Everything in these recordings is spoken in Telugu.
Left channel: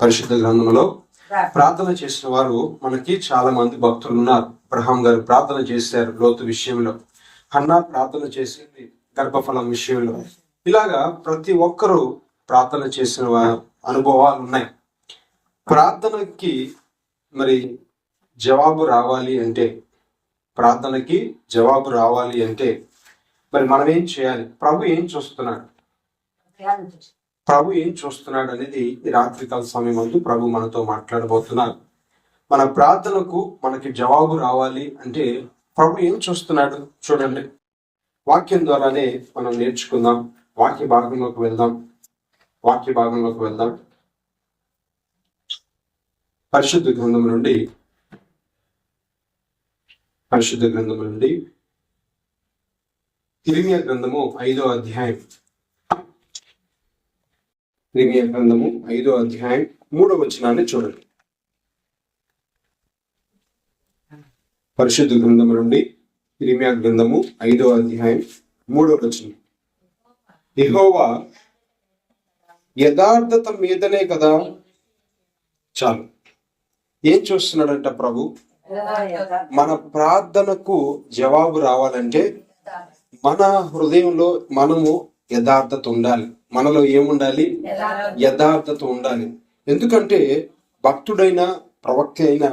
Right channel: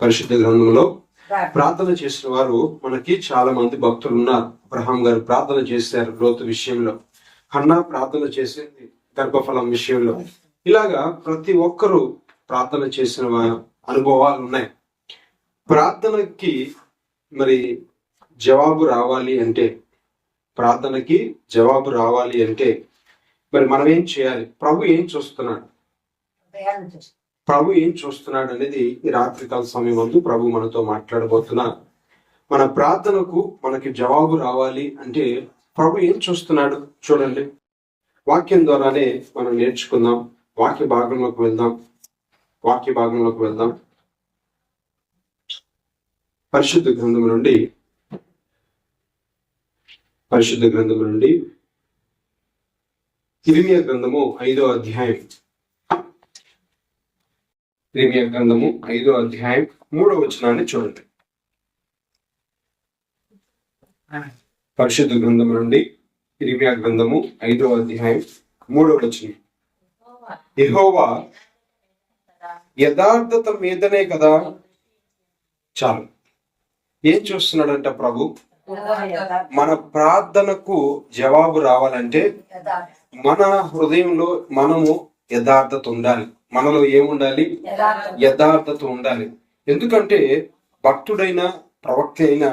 పరిశుద్ధ గ్రంథంలో ప్రార్థన చేసిన వారు మనకి చాలా మంది భక్తులు ఉన్నారు. అబ్రహాం గారు ప్రార్థన చేశారు లోతు విషయంలో, హన్నా ప్రార్థన చేసింది గర్భఫలం విషయంలో. ఇలాగా ప్రతి ఒక్కరూ ప్రార్థన చేసిన అనుభవాలు ఉన్నాయి. ప్రార్థనకి మరి జవాబు రావాలి అంటే మరి మనం ఏం చేయాలి? ప్రభు ఏం చూస్తున్నాడు అనేది ఈ రాత్రికాల సమయం ముందు ప్రభు మనతో మాట్లాడబోతున్నారు. మన ప్రార్థనకు మనకి జవాబు రావాలి అంటే ప్రభు ఏం చూస్తున్నాడు చూడండి. వాక్యం ద్వారానే మనం నేర్చుకుందాం. వాక్య భాగంలోకి వెళ్దాం. పరిశుద్ధ గ్రంథం నుండి ఇర్మియా గ్రంథము 5వ అధ్యాయం. ఇర్మియా గ్రంథము 5వ అధ్యాయం 3వ వచనాన్ని చూడండి. పరిశుద్ధ గ్రంథం నుండి ఇర్మియా గ్రంథము 5వ అధ్యాయం 3వ వచనం. యెహోవా యథార్థత మీదనే కదా. చాలు. ఏం చూస్తున్నాడంట ప్రభు? మన ప్రార్థనకు జవాబు రావాలంటే మన హృదయంలో మనము యథార్థత ఉండాలి. మనలో ఏముండాలి? యథార్థత ఉండాలి. ఎందుకంటే భక్తుడైన ప్రవక్త అయిన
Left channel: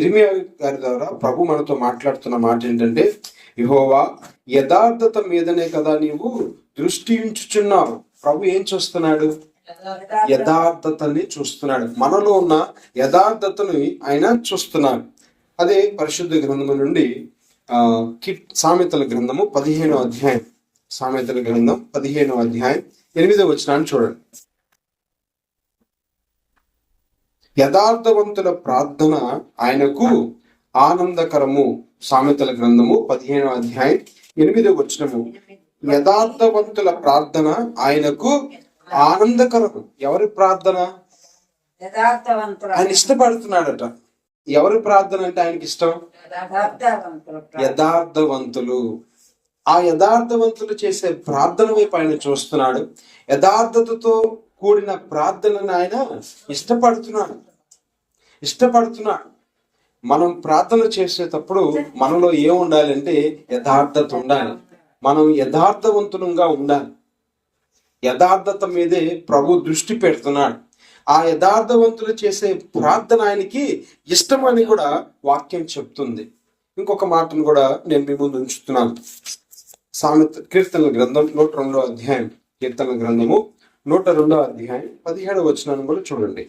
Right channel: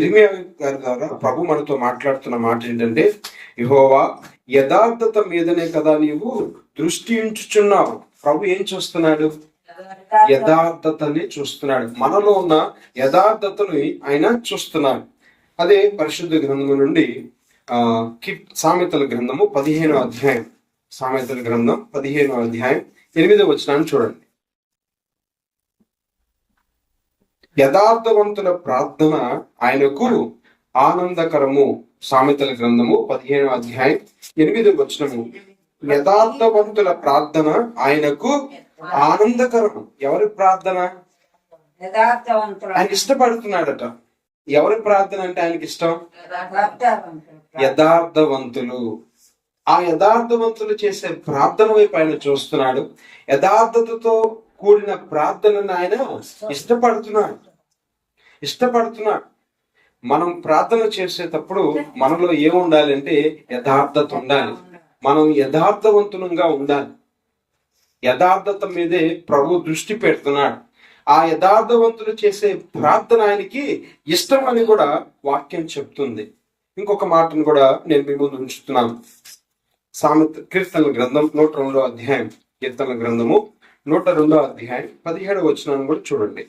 ఇర్మియా గారి ద్వారా ప్రభు మనతో మాట్లాడుతున్న మాట ఏంటంటే, యెహోవా యథార్థత మీదనే కదా నీవు దృష్టి ఉంచుచున్నావు. ప్రభు ఏం చూస్తున్నాడు? యథార్థతని చూస్తున్నాడు. మనలో ఉన్న యథార్థతని ఆయన చూస్తున్నాడు. అదే పరిశుద్ధ గ్రంథం నుండి సామెతల గ్రంథము 15వ అధ్యాయం. సామెతల గ్రంథం 15వ అధ్యాయం 8వ వచనాన్ని చూడండి. యథార్థవంతుల ప్రార్థన ఆయనకు ఆనందకరము. సామెతల గ్రంథము 15వ అధ్యాయం 8వ వచనము. యథార్థవంతుల ప్రార్థన ఆయనకు ఆనందకరము. ఎవరి ప్రార్థన? ఆయన ఇష్టపడుతున్నాడట. ఎవరి ప్రార్థన అంటే ఆయనకి ఇష్టం? యథార్థవంతులు. ఆ యథార్థవంతులు చేసే ప్రార్థన వైపు ఆయన చూస్తున్నాడు. యథార్థతతో కూడిన ప్రార్థనను ఆయన ఇష్టపడుతున్నాడు. మనం ప్రార్థన చేసేటప్పుడు మనలో ఏం ఉండాలంటే యథార్థత ఉండాలి. మనం యథార్థవంతులంగా ఉండాలి. యథార్థత మీదే ప్రభు దృష్టి పెడుతున్నాడు. ఆ యథార్థవంతులు చేసే ప్రార్థన ఆయనకి ఇష్టం అని కూడా వాక్యం చెప్తుంది. ఇంకొక మాటను కూడా నేను మీ ముందు ఉంచుతున్నాను. కీర్తనల గ్రంథం 102వ అధ్యాయం. కీర్తనల గ్రంథము 102వ అధ్యాయం 17వ వచనాన్ని కూడా చూడండి.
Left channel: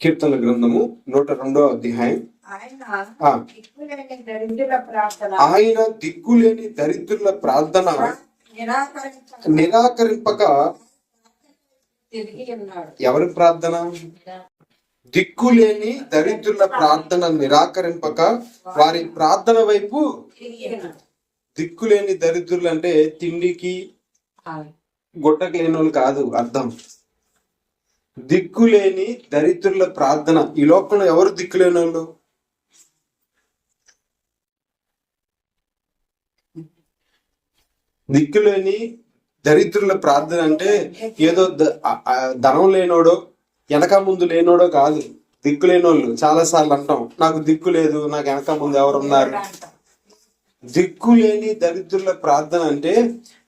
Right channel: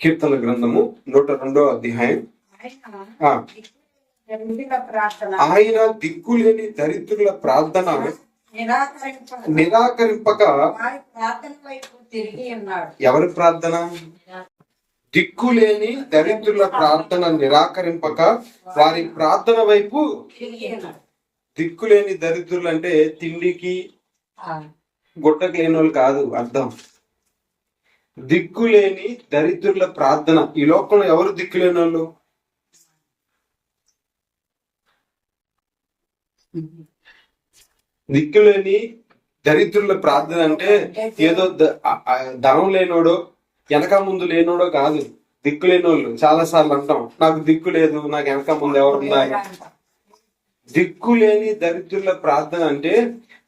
కీర్తనల గ్రంథము 102వ అధ్యాయం. ఆయన దిక్కులేని దరిద్రుల ప్రార్థన నిరాకరింపక. ఎవరి ప్రార్థన? దిక్కులేని దరిద్రుల ప్రార్థన నిరాకరింపక వారి ప్రార్థన వైపు. దిక్కులేని దరిద్రులు అంటే తిండికి గుట్టకు లేని వాళ్ళు కాదు అర్థం. దిక్కులేని దరిద్రుల ప్రార్థన. ఈ లోకంలో ఎవరు దిక్కులేని వాళ్ళు? దిక్కులేని దరిద్రుల ప్రార్థన అంటే ఏదో ధనం లేనోడో వెనక ముందు లేనోడో కాదు. దిక్కు లేనోళ్ళు చాలా సార్లు అంటాం, నాకు దిక్కు లేదు, నాకు వెనక ముందు ఎవరున్నారు. దిక్కు లేని దరిద్రుల ప్రార్థన అంటే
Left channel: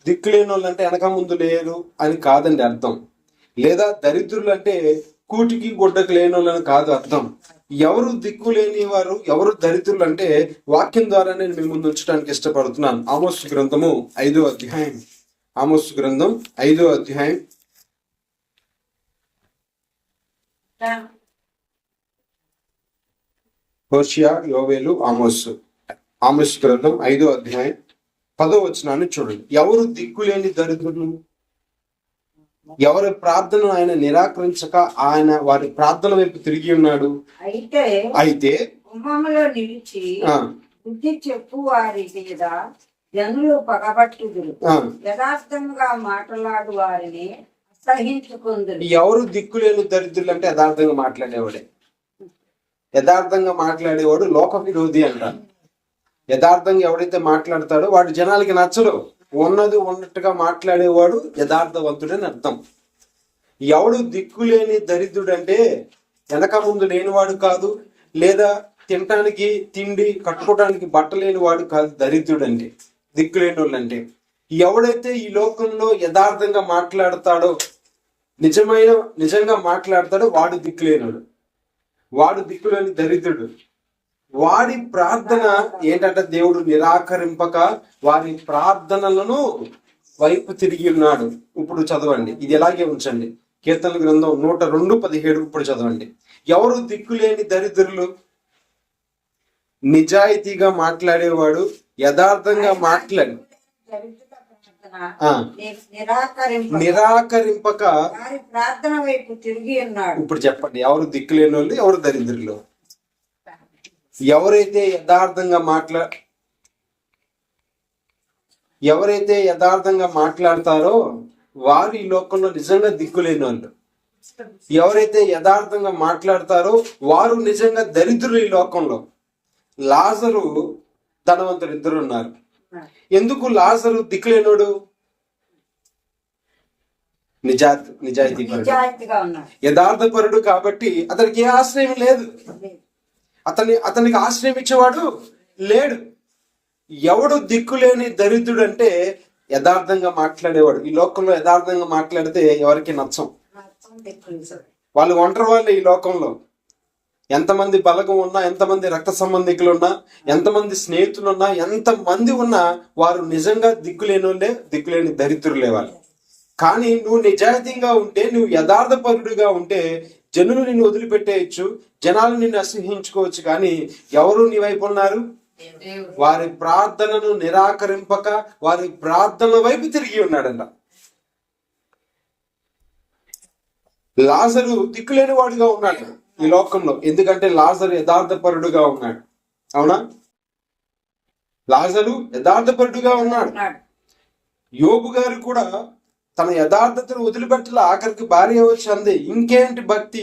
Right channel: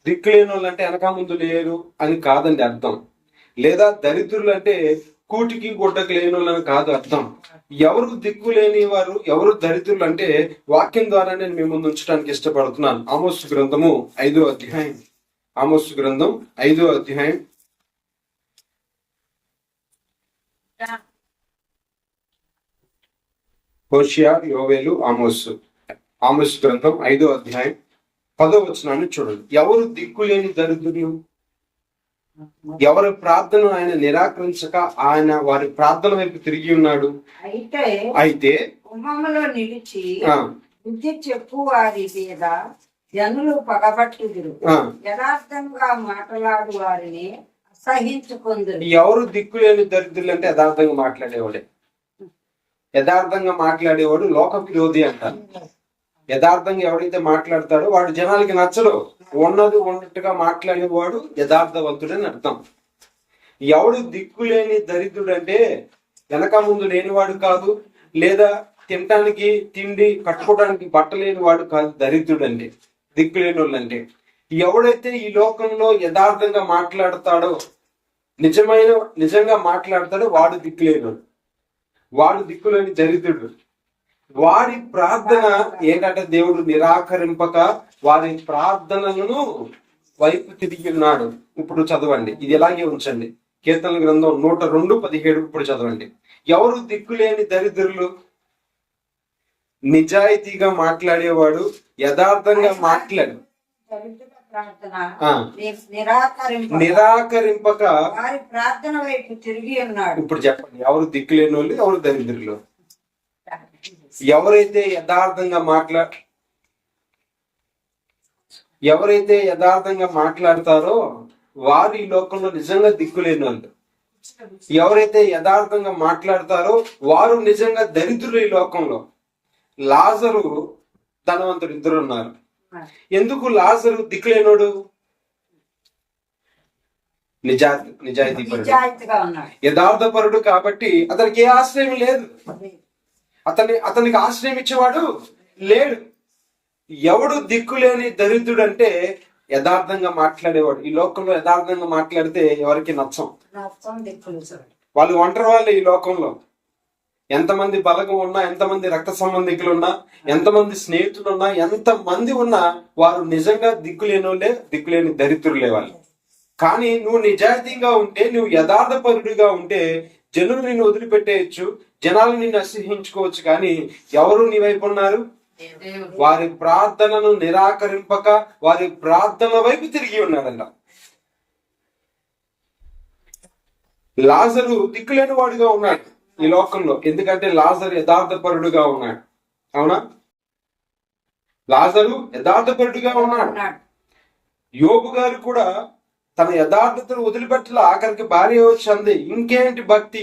దిక్కు లేని వాళ్ళు అంటే వెనక ముందు లేరు అని కాదండి అర్థం. లేదా దరిద్రులు అంటే కూటికి గుడ్డకు లేని వాళ్ళని కాదు అర్థం. ఎవరు దిక్కు లేని వారు, ఎవరు దరిద్రులు అంటే వాక్యం ద్వారా నేను మీ ముందు ఉంచడానికి ఇష్టపడుతున్నాను. ఆమోసు గ్రంథము 5వ అధ్యాయం. ఆమోసు గ్రంథం 5వ అధ్యాయం. హోషియా, యోవేలు, ఆమోసు గ్రంథం 5వ అధ్యాయం 10వ వచనాన్ని చూడండి. ఎవరు దిక్కులేని దరిద్రులు? ఎవరి ప్రార్థన ఆయన నిరాకరించక ఆయన వారి ప్రార్థన వైపు తిరిగి ఉన్నాడు. అయితే నిలిచి బుద్ధి చెప్పు వారి మీద జనులు పగబట్టుదురు, యథార్థంగా మాట్లాడు వారిని అసహించుకుందురు. ఎవరు దిక్కులేని దరిద్రులు అంటే యథార్థంగా మాట్లాడేవాడే. యథార్థంగా మాట్లాడేవాడు లోక విరోధి అంట. యథార్థంగా ఎవడైతే మాట్లాడతాడో వాడు జనాలకి నచ్చడు. ఉన్నది ఉన్నట్టుగా మాట్లాడేవాడు యథార్థవంతుడని అర్థం. ఎవడు దిక్కులేని దరిద్రుడు అంటే వెనక ముందు లేనివాడు కాదు, లేదా తినటానికి తిండి కట్టుకోవడానికి బట్ట లేనివాడు కాదు. దరిద్రుడు అంటే, దిక్కులేని వాళ్ళు అంటే ఎవడైతే ఈ లోకంలో యథార్థంగా మాట్లాడతాడో, నిజంగా మాట్లాడతాడో వాడు దిక్కులేనివాడు, వాడు దిక్కులేని దరిద్రుడు. వాడి ప్రార్థన ఏంటంటే దేవుడు నిరాకరింపక వారి ప్రార్థనలను వైపు తిరిగి ఉన్నాడు. ఇప్పుడు చదవండి, ఇది ఎలాగే ఉంచండి. కీర్తనల గ్రంథం 102:17 ఇప్పుడు చదవండి. ఎవరు దిక్కులేని దరిద్రులు? నిజాయితీగా మాట్లాడేవాడు, యథార్థంగా మాట్లాడి దరిద్రుల ప్రార్థన ఆ. నిరాకరింపక నిరాకరింపక వారి ప్రార్థన వైపు తిరిగి ఉన్నాడు. ఇప్పుడు చెప్పండి, ఎవరు దిక్కులేని వాళ్ళు, ఎవరు దరిద్రులు? ఎవరైతే యథార్థంగా మాట్లాడతారో వారు ఈ లోకంలో నిజంగా దిక్కులేని వాళ్ళు. ఎవరైతే యథార్థంగా మాట్లాడతారో వారు నిజంగా దరిద్రులు ఈ లోకంలో. లాజరు ధనవంతుడు ఇద్దరు ఉన్నారు. ఎందుకు లాజరు దిక్కులేనోడు? నిజాయితీగా ఉన్నాడు, యథార్థపరుడు కాబట్టి అతనికి ఏ ఆశ్రయం లేదు. అతనికి ఆశ్రయం ఇచ్చేవాడు లేడు. ఎవడు దిక్కులేని దరిద్రుడు అంటే యథార్థంగా మాట్లాడేవాడు. ఈ లోకంలో యథార్థంగా మాట్లాడితే ఎవరికి నచ్చం. వాళ్ళు ఒంటరి వాళ్ళే ఈ లోకంలో. ఎంతమంది బలగం ఉన్నా, ఎంతమంది రక్త సంబంధికులు ఉన్నా, ఎంతమంది స్నేహితులు ఉన్నా, ఎంతమంది ఉన్నా వారు నిజంగా దిక్కులేని దరిద్రులే వాళ్ళు. కానీ నువ్వు నిజాయితీగా ఉంటే, నువ్వు యథార్థపరుడుగా ఉంటే జనులు నిన్ను వదిలిపెట్టేయచ్చు, జనాలు నిన్ను అసహ్యించుకోవచ్చు. కానీ ఎవరు నీ వైపు ఉన్నారు? వారి ప్రార్థనను నిరాకరింపక వారి ప్రార్థనల వైపు తిరిగి ఉన్నాడంట. లాజరు దిక్కులేని వాడుగా ఉన్నాడు ఈ లోకంలో. ఎందుకంటే లాజరు యథార్థపరుడుగా ఉన్నాడు. అవునా? లాజరు యథార్థపరుడుగా ఉన్నాడు. యోబు గారు కూడా తన యథార్థతను వదిలిపెట్టల. ఆఖరికి భార్య వచ్చి అంది, ఇంకేం భక్తి,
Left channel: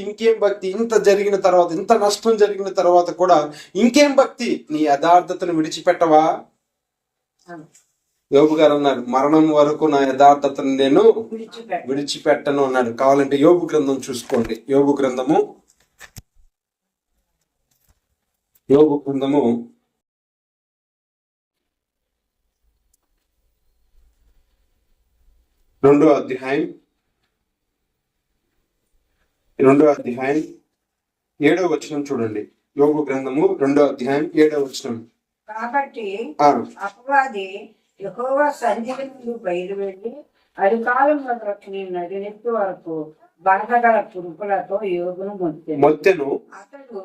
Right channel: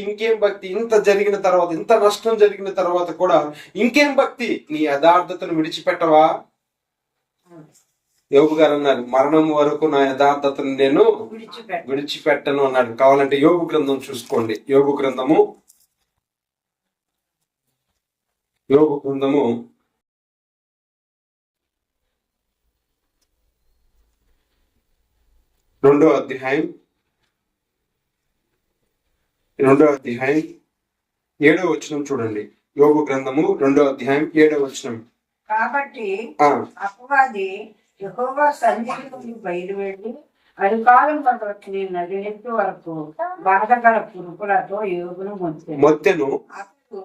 ఇంత జరిగిన తర్వాత, ఇంత నష్టం జరిగిన తర్వాత కూడా ఇంకేం భక్తి, నీ యథార్థతను విడిచిపెట్టవా? యోబు గారు అన్నారు, మరణం వరకు నా యథార్థతను నేను విడిచిపెట్టను అన్నాడు. కావాలంటే యోబు గ్రంథం చూసుకోండి. యోబు గ్రంథము 2వ అధ్యాయం 7వ వచనం చూడండి. యోబు గ్రంథము 2వ అధ్యాయం 7వ వచనం. కాబట్టి అపవాది యెహోవా సన్నిధి నుండి బయలువెళ్ళి అరికాలం మొదలుకొని నడినెత్తి వరకు బాధగల పురుపులతో యోగును మొత్తెను. అతడు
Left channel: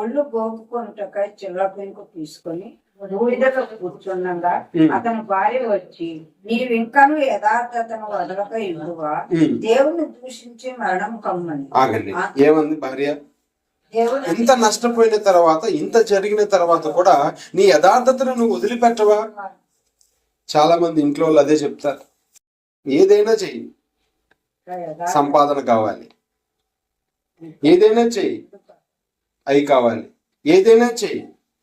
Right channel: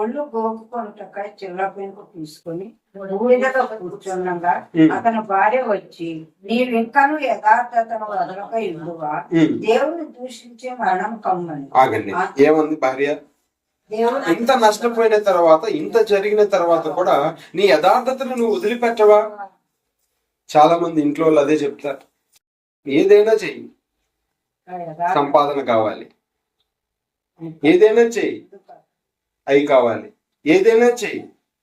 ఒళ్ళు గోపుకొనుటకై చిల్ల పెంకు తీసుకొని బూడిదలో కూర్చుండగా అతని భార్య వచ్చి, నీవు ఇంకను యథార్థతను వదలక ఇల్లువా, దేవుని దూషించే మరణం కమ్మని. ఆగండి, ఏమంది భార్య? ఇంత నష్టపోయిన తర్వాత, ఇంత జరిగిన తర్వాత కూడా నీ యథార్థతను నువ్వు వదిలిపెట్టవా? చాలా మంది ఇంట్లో వాళ్ళు అదే చెప్తారు, ఏదైనా చెయ్యి, సంపాదన కావాలి, ఏదైనా చెయ్యి, అవి కావాలి, ఏదైనా చెయ్యి,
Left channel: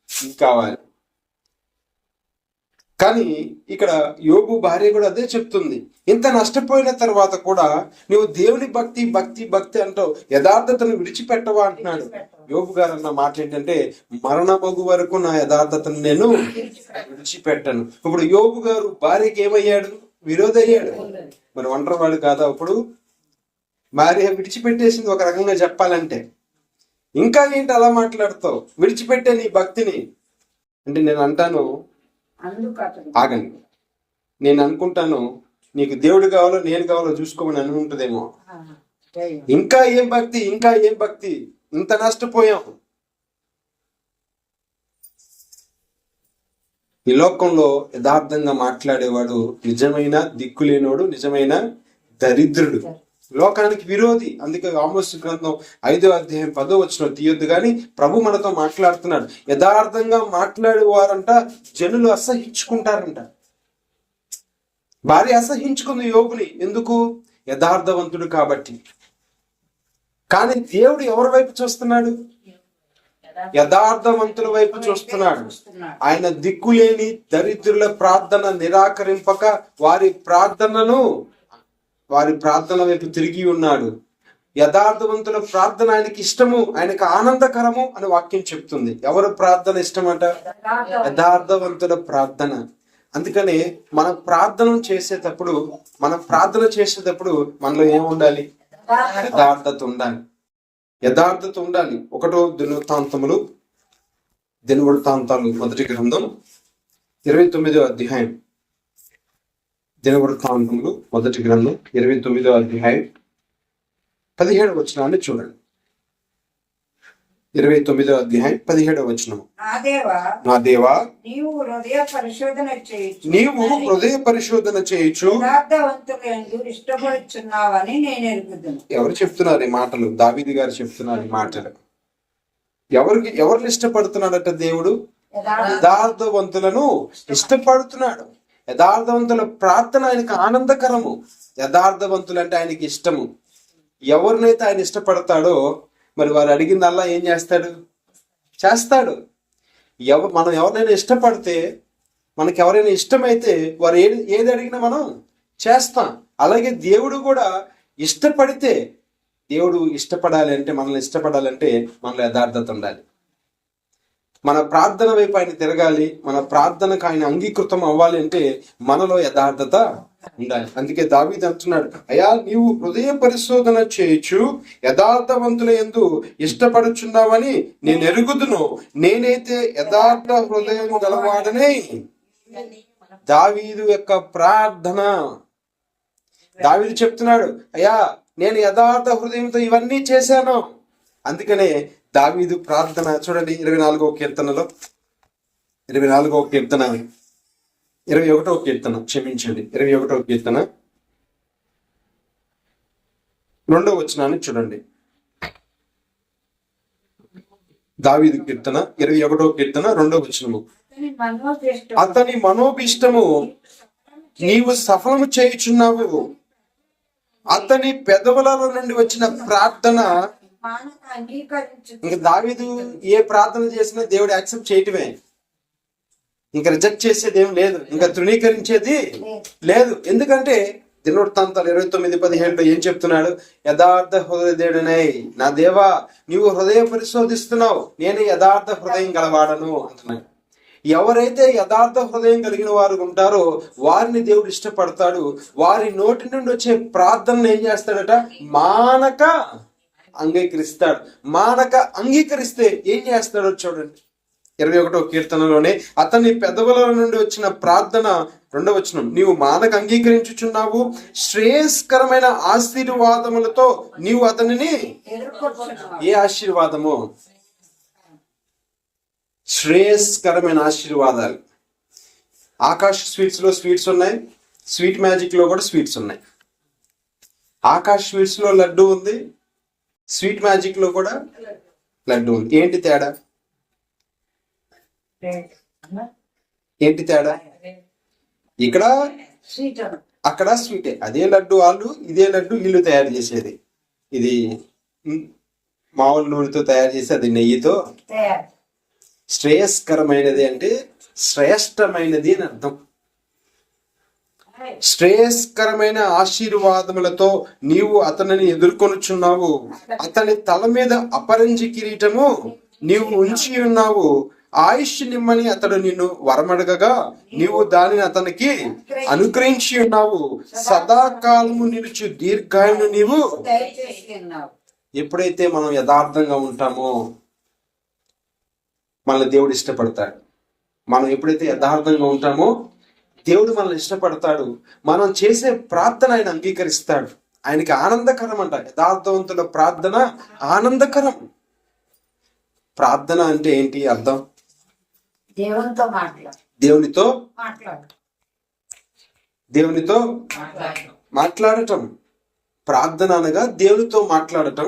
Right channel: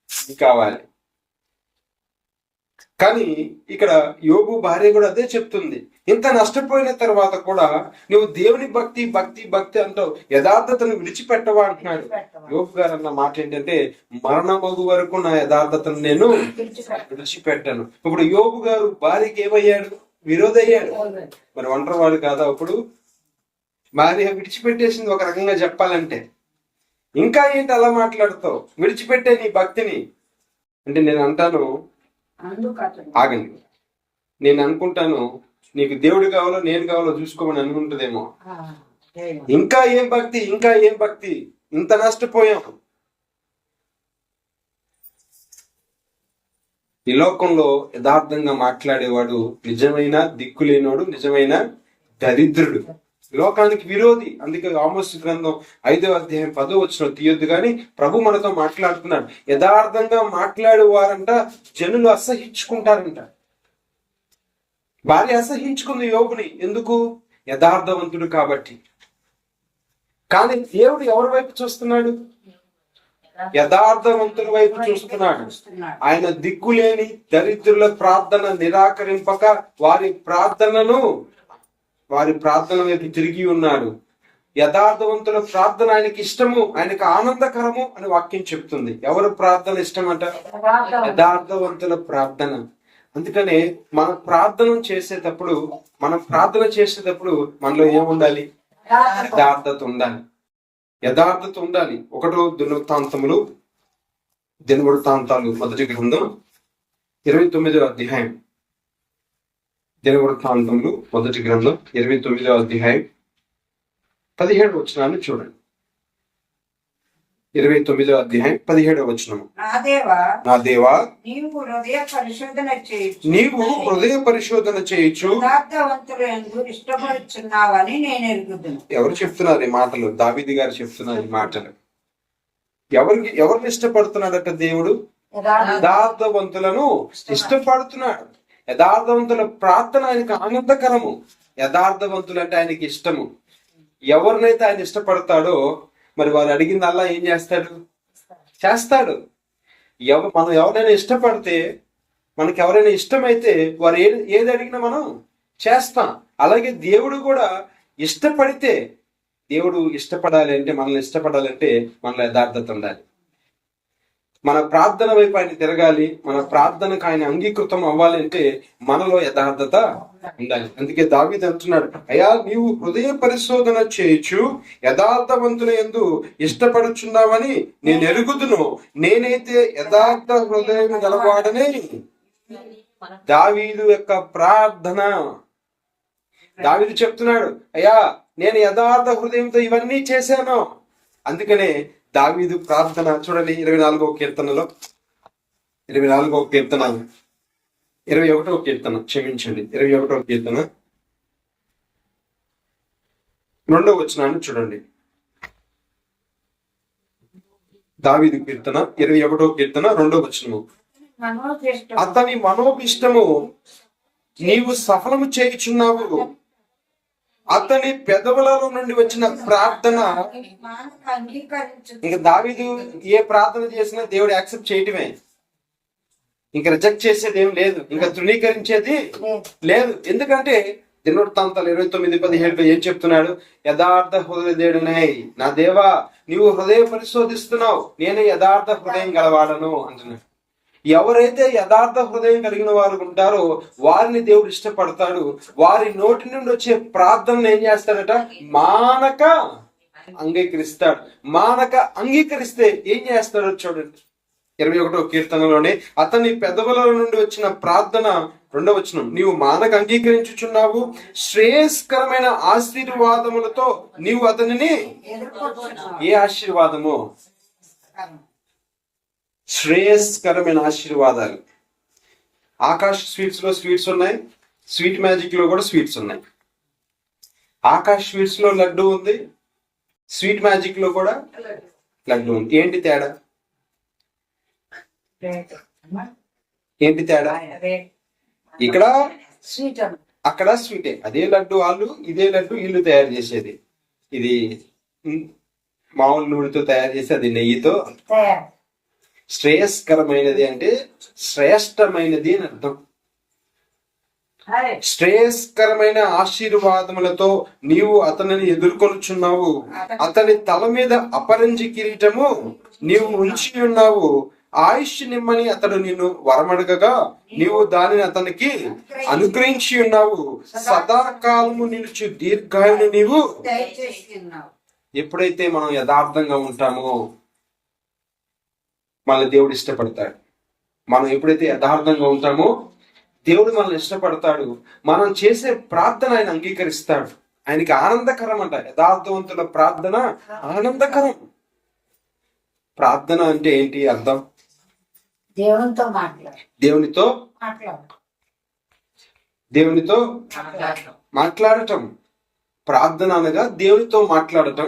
ఇది కావాలి. కానీ ఇక్కడ యోబు భార్య కూడా అదే చెప్తుంది. ఇంత నష్టపోయిన తర్వాత కూడా నువ్వు దేవుని భక్తి అంటావు, యథార్థతను విడిచిపెట్టవా అంటున్నాడు. యోబు గారు అన్న మాట ఏంటంటే, మరణమగు వరకు నా యథార్థతను నేను విడిచిపెట్టను. ఇప్పుడు యోబు గారు భార్యకి ఏమయ్యాడు? విరోధి అయ్యాడు. మరి ఒంటరి వాళ్ళు కాదా? ఇప్పుడు భార్య విడిచిపెట్టేసింది ఒక రకంగా చెప్పాలంటే. ఇంకా ఏంటి అలా మాట్లాడుతావు? విడిచిపెట్టే నీ భక్తిని అంటే నేను అంటాను, ఆగండి, నేను అనుకుంటాను నీకు దేవుడు కావాలో నేను కావాలో చూసుకోమని అనుకుంటుందేమో. ఇంకా ఏం భక్తి, ఇంత నష్టపోయాం. ఈ లోకంలో యథార్థంగా మాట్లాడేవాడు నిజమైన దిక్కులేనోడు, నిజమైన దరిద్రుడు, లోకానికి విరోధి. అందుకే ఆమోసు గ్రంథం 5వ అధ్యాయం 10వ వచనం తీయొద్దు కానీ ప్రభు మనతో మాట్లాడుతున్నాడు. యథార్థంగా మాట్లాడేవారంట జనులు అసహించుకుంటారంట. భార్య అసహించుకుంది యోబుని. ఎందుకు? యథార్థవంతుడు కాబట్టి. కానీ దేవుడు ఎవరి వైపు చూస్తున్నాడు? యథార్థవంతుల వైపు చూస్తున్నాడు. ఆయన దిక్కులేని దరిద్రుల ప్రార్థన నిరాకరింపక వారి ప్రార్థన వైపు తిరిగి ఉన్నాడు. యథార్థవంతుల ప్రార్థన ఆయనకి ఇష్టము, ఆయనకు ఆనందకరము అని వాక్యం చెప్తుంది. ఎవరు ప్రార్థన ఇష్టం అంట? యథార్థవంతుల ప్రార్థన. అందుకనే మనం ప్రార్థన చేసేటప్పుడు మనలో ఏముండాలి? యథార్థత ఉండాలి. యథార్థత ఉండాలి. ఒకటో దినవృత్తాంతాలు మొదటి గ్రంథం 29వ అధ్యాయం. దినవృత్తాంతములు మొదటి గ్రంథం 29వ అధ్యాయం 17వ వచనాన్ని చూడండి. 29వ అధ్యాయం 17వ వచనం. నా దేవా నీవు హృదయ పరిశోధన చేయొచ్చు ఇష్టపడుచున్నావని నేను ఎరుగుదును. ఎవరు చెప్తున్నారు ఈ మాటలు? దావీదు గారు చెప్తున్నారు ఈ మాటలు. ఎవరిని ఇష్టపడుతున్నాడట దేవుడు? యథార్థవంతులను ఇష్టపడుతున్నాడు. యథార్థవంతుల ప్రార్థన ఆయనకు ఆనందకరము. యథార్థవంతులు అంటే ఆయనకి ఇష్టము. ఎవరినైతే ఆయన ఇష్టపడతాడో మరి వారు అడిగిందల్లా ఏం చేస్తాడు. మనం ఎవరైనా ఇష్టపడితే, మనకి ఎవరైనా ఇష్టమైతే వారు ఏది అడిగినా మనం చేస్తాం. అలాగే దేవుడు కూడా ఇష్టపడితే, దేవుడు ఇష్టపడాలి అంటే, మనల్ని ఇష్టపడాలంటే మనలో యథార్థత ఉండాలి. మన ప్రార్థన వైపు ఆయన తిరగాలి. మన ప్రార్థనకు ఆయన అంగీకృతం అవ్వాలి అంటే మనలో యథార్థత ఉండాలి. అందుకే దావీదు అంటున్నాడు, అయ్యా నీవు హృదయ పరిశోధన చేయొచ్చు, యథార్థవంతుల యందు ఇష్టపడుచున్నావని నేను ఎరుగుదును. నేనైతే యథార్థ హృదయం గలవాడనే. దావీదు యొక్క ప్రార్థన. దావీదు చెప్తున్నాడు, అయ్యా నేను యథార్థ హృదయంతో ఇవన్నీ చేశాను. అందుకనే దావీదు ప్రార్థన చూడండి. 24వ కీర్తనలో 21వ కీర్తన 21వ కీర్తన 2వ వచనాన్ని చూడండి. దావీదు కీర్తన 21వ కీర్తన 2వ వచనము. అతని మనోభిష్టము నీవు సఫలము చేయుచున్నావు. అతని పెదవులలో నుండి వచ్చిన ప్రార్థన. ఇంకా దావీదు ఏ ప్రార్థన చేసినా దేవుడు యాక్సెప్ట్ చేయటమే. ఇంకా రిజెక్ట్ చేసేది ఏం లేదు, ఇంకా తృణీకరించేది లేదు. ఎందుకంటే దినవృత్తాంతాలు 29:17 ఏం చెప్తున్నాడు? యథార్థ హృదయుడనై నా దేవా నీవు హృదయ పరిశోధిస్తున్నావు, నేను యథార్థ హృదయం గలవాడను అంటున్నాడు. ఎవరైతే యథార్థ హృదయం కలిగిన వారు ఉంటారో వారిని దేవుడు ఇష్టపడతాడు. వారి నోటి నుండి వచ్చే ప్రార్థనలు ఏం చేస్తాడట? మానక అంగీకరిస్తాడు. మానక అంగీకరిస్తే ఏం చేస్తాడో చూడండి. 21వ కీర్తనలోనే అతని పెదవుల నుండి వచ్చిన ప్రార్థన 2వ వచనం. నీవు మానక అంగీకరించుచున్నావు, శ్రేయస్కరమైన ఆశీర్వాదములతో నీవు అతనిని. ఏ ఆశీర్వాదము? శ్రేయస్కరమైన ఆశీర్వాదాలు. ఆకాష్ స్వీట్స్ లో స్వీట్స్ ఉన్నాయి, స్వీట్ మ్యాజిక్ లో కూడా స్వీట్స్ ఉన్నాయి. ఆకాష్ స్వీట్స్ లో లడ్డు ఉంది, స్వీట్ మ్యాజిక్ లో కూడా లడ్డు ఉంది. ఏంటి తేడా? ఇక్కడ అక్కడ స్వీటే. అదే లడ్డు వాళ్ళు, ఇదే లడ్డు వీళ్ళు తయారు చేసేది. ఇది మామూలు నూనెతో తయారు చేసి, అది నెయ్యితో. శ్రేయస్కరమైనది అంటే శ్రేష్టమైనది అని అర్థం. శ్రేయస్కరమైన ఆశీర్వాదములతో నీవు అతనిని ఎదుర్కొనుచున్నావు. అతని తల మీద అపరంజి కిరీటము నీవు ఉంచి ఉన్నావు. ఆయుష్ నిమ్మని అతడు నిన్ను వరమడగగా నీవు దానిని అతనికి అనుగ్రహించి ఉన్నావు. సదాకాలము నిలుచు దీర్ఘాయును నీవు. ఎప్పుడైతే మనం యథార్థంగా ఉంటామో మనల్ని దేవుడు ఇష్టపడతాడు. మనం ఎప్పుడైతే యథార్థంగా ఉంటామో దేవుడు మనల్ని ఇష్టపడతాడు. మనం చేసే ప్రార్థన ఆయన అంగీకరిస్తాడు. ఆయనకి ఆనందకరం అంట. యథార్థవంతుల ప్రార్థన ఆనందకరం. ప్రార్థన అంటే ఏంటి అర్థం? దేవునితో మాట్లాడటం. ప్రార్థన అనగా దేవునితో మాట్లాడటం.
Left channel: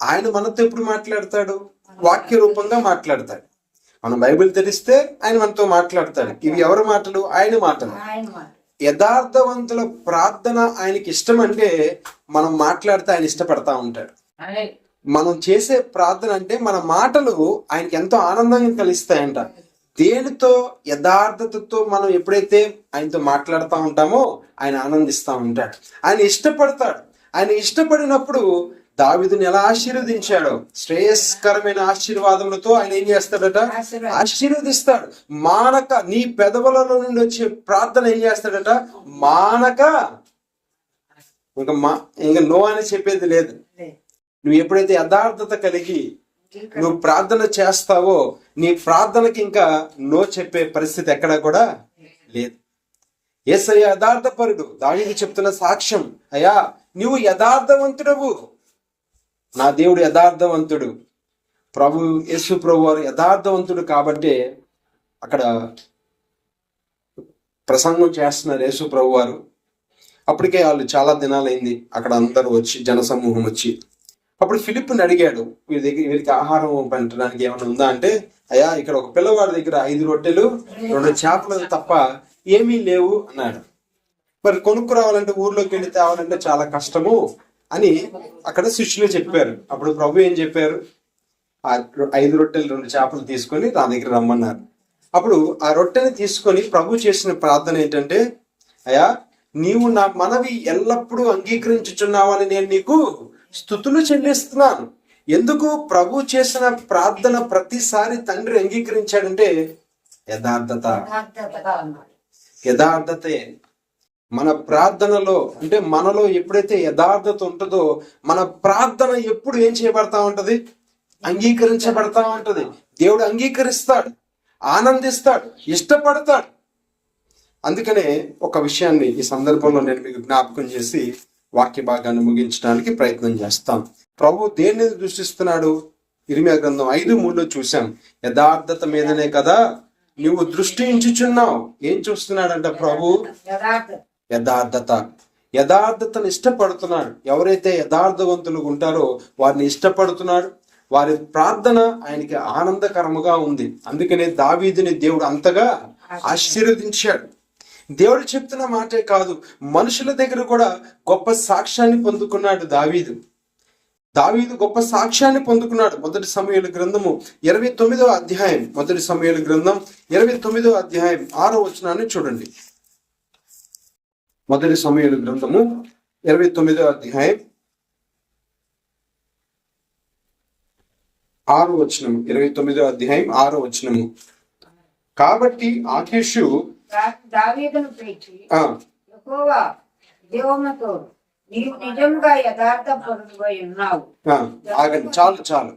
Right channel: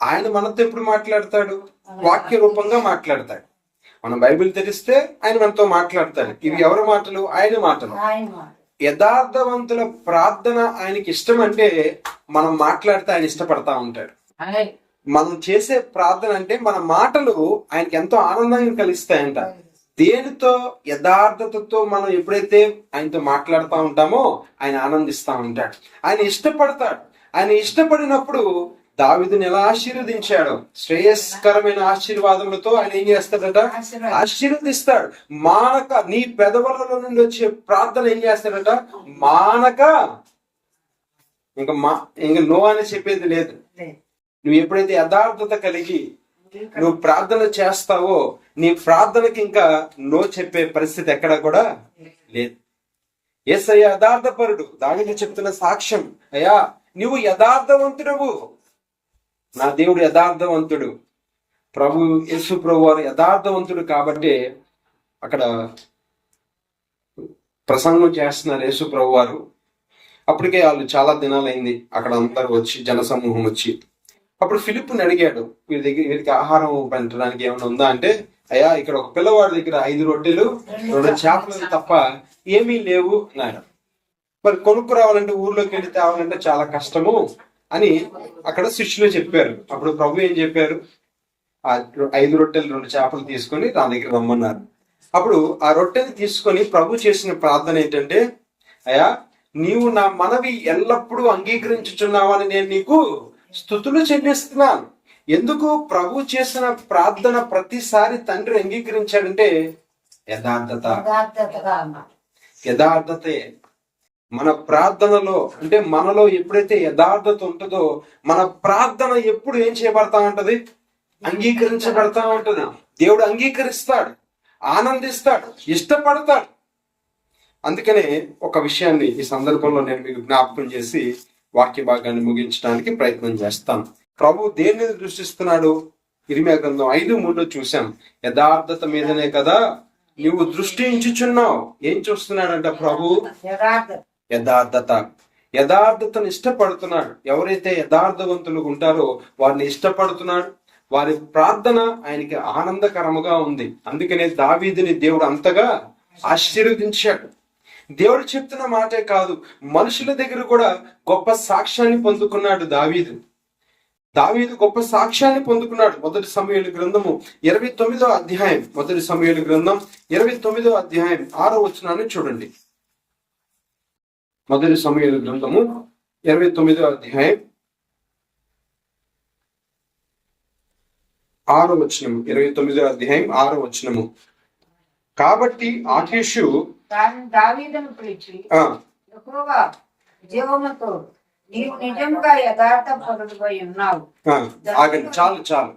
ఆయన మనతో ఎప్పుడు మాట్లాడతాడు? వాక్య రూపంగా మాట్లాడతాడు. మనం బైబిల్ తెరిస్తే ఆయన మనతో మాట్లాడతాడు. ఇవి ఎవరి మాటలు? ఆయన మాటలు. యథార్థవంతుల ప్రార్థన ఆయనకి ఇష్టం అంటే మనం మాట్లాడితే ఆయన ఇష్టపడతా ఉంటాడు. మనం చేసే ప్రార్థన అంటే మన మాటలు ఆయనకి ఎంతో ఆనందంగా కలిస్తాయంట. దేనితో? యథార్థతతో మనం ఎప్పుడైతే ఆయనతో మాట్లాడుతూ ఉంటామో ఆయన ఆనందిస్తూ ఉంటాడు. ఆయన ఇష్టపడతాడు. ఆయన ఇష్టపడినప్పుడు దావీదుని ఎలా ఆశీర్వదించాడు, శ్రేయస్కరమైన ఆశీర్వాదములతో ఆయన ఏం చేస్తాడట, ఆశీర్వదిస్తాడు. మానక నీ పెదవులలో నుండి వచ్చే ప్రార్థన ఏం చేస్తాడట, మానక ఇంకా నో అని చెప్పేది లేదు. నువ్వు ఎప్పుడైతే యథార్థత కలిగి నువ్వు ప్రార్థన చేస్తావో నీ ప్రార్థనకి ఇంకా నో చెప్పే పరిస్థితి ఎక్కడ కూడా లేదు. యేసయ్య యథార్థపరుడు. దావీదు చెప్తున్న సాక్ష్యం, అయ్యా నువ్వు యథార్థవంతుడవు, నా దేవుడు యథార్థవంతుడు, ప్రభు యేసు ప్రభు వారు యథార్థవంతుడు. కాబట్టి అక్కడ ప్రసంగం చేస్తున్నారు యేసు ప్రభు వారు. అప్పటికే వాళ్ళు చాలా దినాలైంది అక్కడ అందరూ వచ్చి, జనసమూహం వచ్చి. అప్పుడు ఫిలిప్పుని అడిగాడు, వీరికి ఆహారం పెట్టడానికి ఏమైనా ఉందా అంటే, అయ్యా ఇక్కడ ఒక పిల్లవాడి దగ్గర 5 రొట్టెలు 2 చేపలు తప్ప ఏమీ లేవు అన్నాడు. మరి కొనుక్కు రావాలంటే ఊర్లోకి వెళ్ళి తేవాలంటే చాలా కష్టము అని అక్కడ శిష్యులు చెప్పారు. అప్పుడు ప్రభు ఏం చెప్పారు, ఆ 5 రొట్టెలు 2 చేపలు తీసుకొని నా దగ్గర రమ్మన్నారు. అప్పుడు ఆ రొట్టెని తీసుకొని ప్రభు చేసిన ప్రార్థన ఏంటంటే, అయ్యా నీవు నా మనవి ఎల్లప్పుడూ అంగీకరించుచున్నావని నేను నీకు స్తుతులు చెల్లిస్తున్నాను. ఎందుకు ప్రభు చేసిన ప్రార్థన ప్రతిసారి తండ్రి అంగీకరించాడంటే యథార్థతే. మన ప్రార్థనలో అంటే మనలో ఎప్పుడైతే యథార్థత ఉంటుందో మన ప్రార్థన ఎప్పుడు ఏం చేయబడతా ఉంటది, అంగీకరించబడతా ఉంటది. దేవుడు అంగీకరిస్తాడు, ఆనందిస్తాడు, ఇష్టపడతాడు. అందుకనే ఒక విషయాన్ని ఈ సందర్భంలో నేను మీకు జ్ఞాపకం చేసి వాక్య భాగాన్ని ముగించడానికి ప్రయత్నం చేస్తాను. ప్రభు దేన్ని దృష్టిస్తున్నాడు, ఇర్మీయా గ్రంథం 5:3 చూసాం. యథార్థత మీదనే కదా నువ్వు దృష్టి ఉంచుచున్నావు. ఏం చూస్తున్నాడంట ప్రభు, యథార్థతను ఇష్టపడుతున్నాడు. ఎవరైతే యథార్థవంతులు ఉంటారో వారిని ఇష్టపడుతున్నాడు. వారి ప్రార్థన ఆయనకి ఆనందకరముగా ఉంది. అందుకనే దావీదుని దేవుడు అంతగా ఆశీర్వదించాడు. దేవుడు చెప్తున్న మాటే కాదు, మనుషుల దగ్గర కూడా గొప్ప సాక్ష్యాన్ని పొందుకున్నాడు దావీదు. గొప్ప సాక్ష్యాన్ని పొందుకున్నాడు. 1 సమూయేలు గ్రంథము 29వ అధ్యాయం, 1 సమూయేలు గ్రంథం 29వ అధ్యాయం 6వ వచనాన్ని చూడండి. 1 సమూయేలు గ్రంథము 29వ అధ్యాయం 6వ వచనము, 29వ అధ్యాయం 6వ వచనము. కాబట్టి ఆకీషు దావీదును పిలిచి, యెహోవా జీవముతో నీవు నిజముగా యథార్థపరుడవై ఉన్నావు. ఆగండి, చాలు.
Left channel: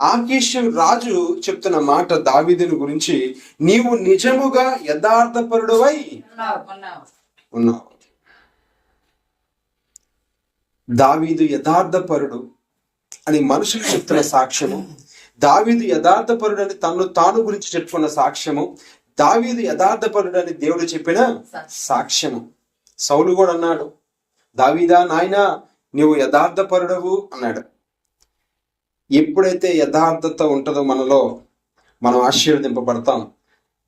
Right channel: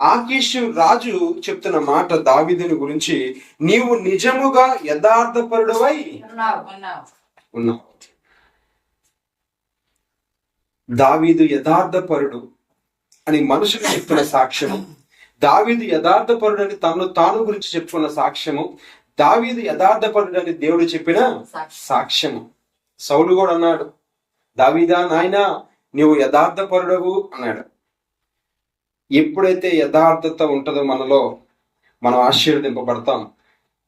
ఆకీషు రాజు చెప్తున్న మాట దావీదుని గురించి, నీవు నిజముగా యథార్థపరుడవై ఉన్నావు. దావీదు యథార్థపరుడు అని మనుషులు చెప్తున్న సాక్ష్యము, దావీదు యథార్థపరుడు అని తాను గురించి చెప్పుకున్న సాక్ష్యము, దావీదు యథార్థపరుడు అని దేవుడు చెప్పిన సాక్ష్యము. సౌలు కూడా అన్నాడు, దావీదా నాయనా నీవు యథార్థపరుడవు అన్నాడు. ఎప్పుడైతే యథార్థత ఉంటుందో మనలో, మనం ఆశీర్వదింపబడతాం.